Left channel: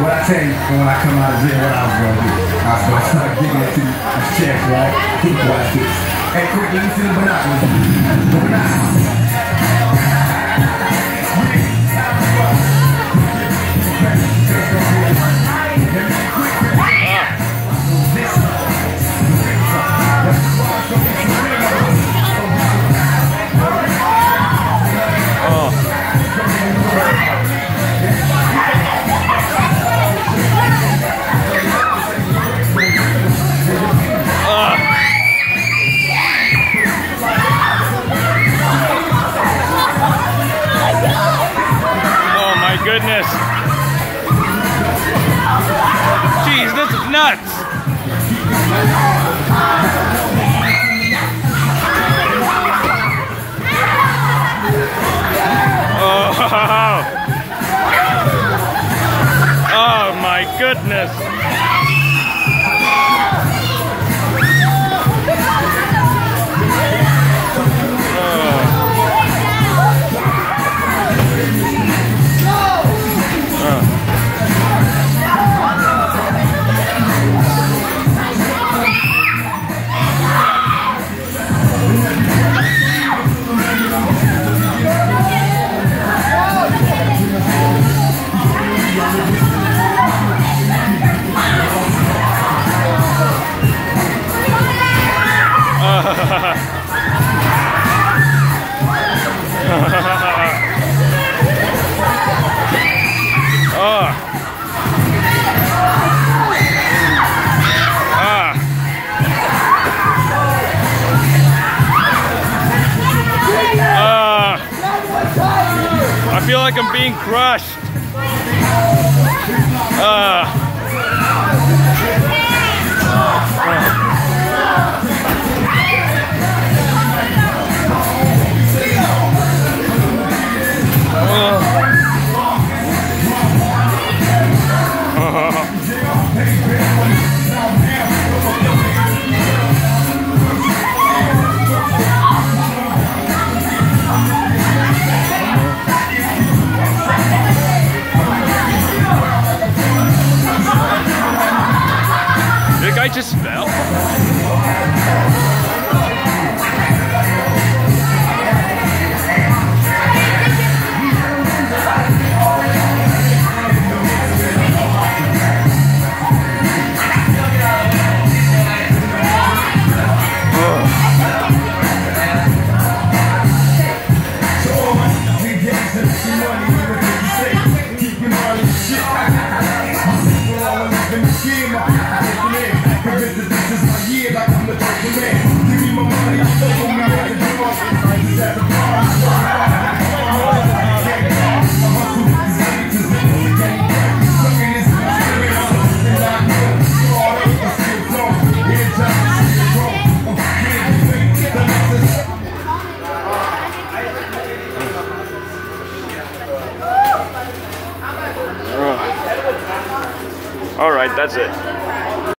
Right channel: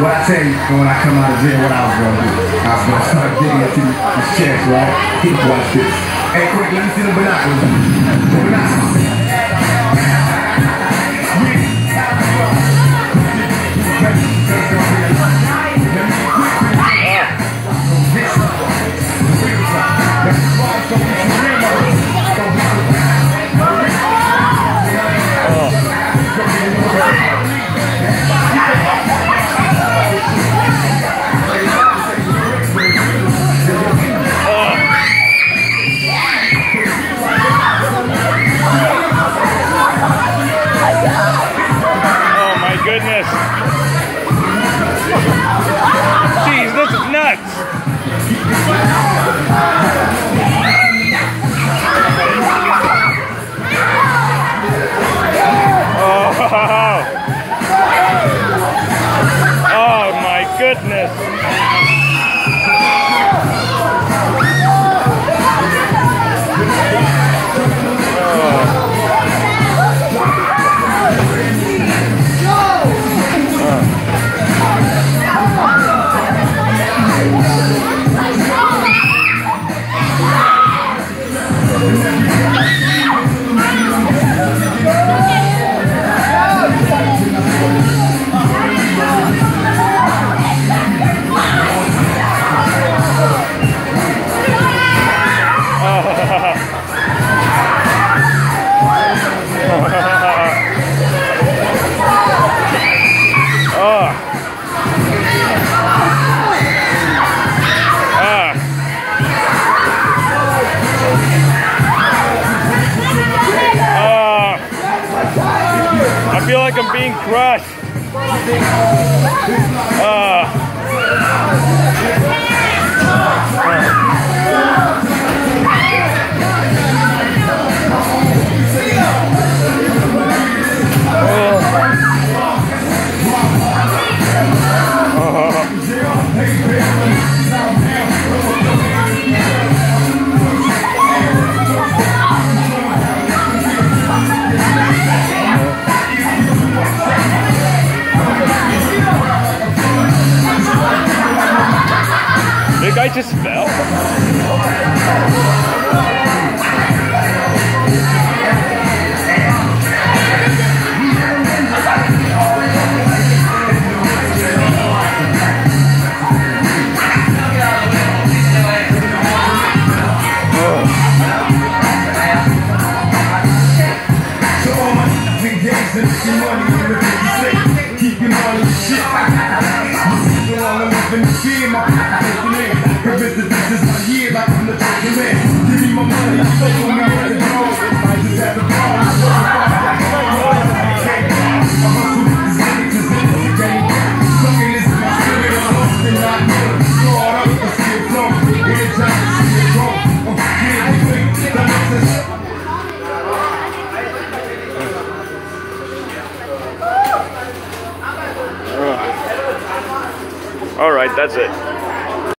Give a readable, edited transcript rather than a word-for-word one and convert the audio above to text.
what I tell you when I come out of jail, what I was gonna do. I was gonna start digging into his chest, right? Watch this. Hey, quick, let me see the binoculars. The binoculars. Goodness. Jeez, this is nuts. Oh, oh my goodness. I feel like I'm being crushed. The guy just fell. All right, that's it.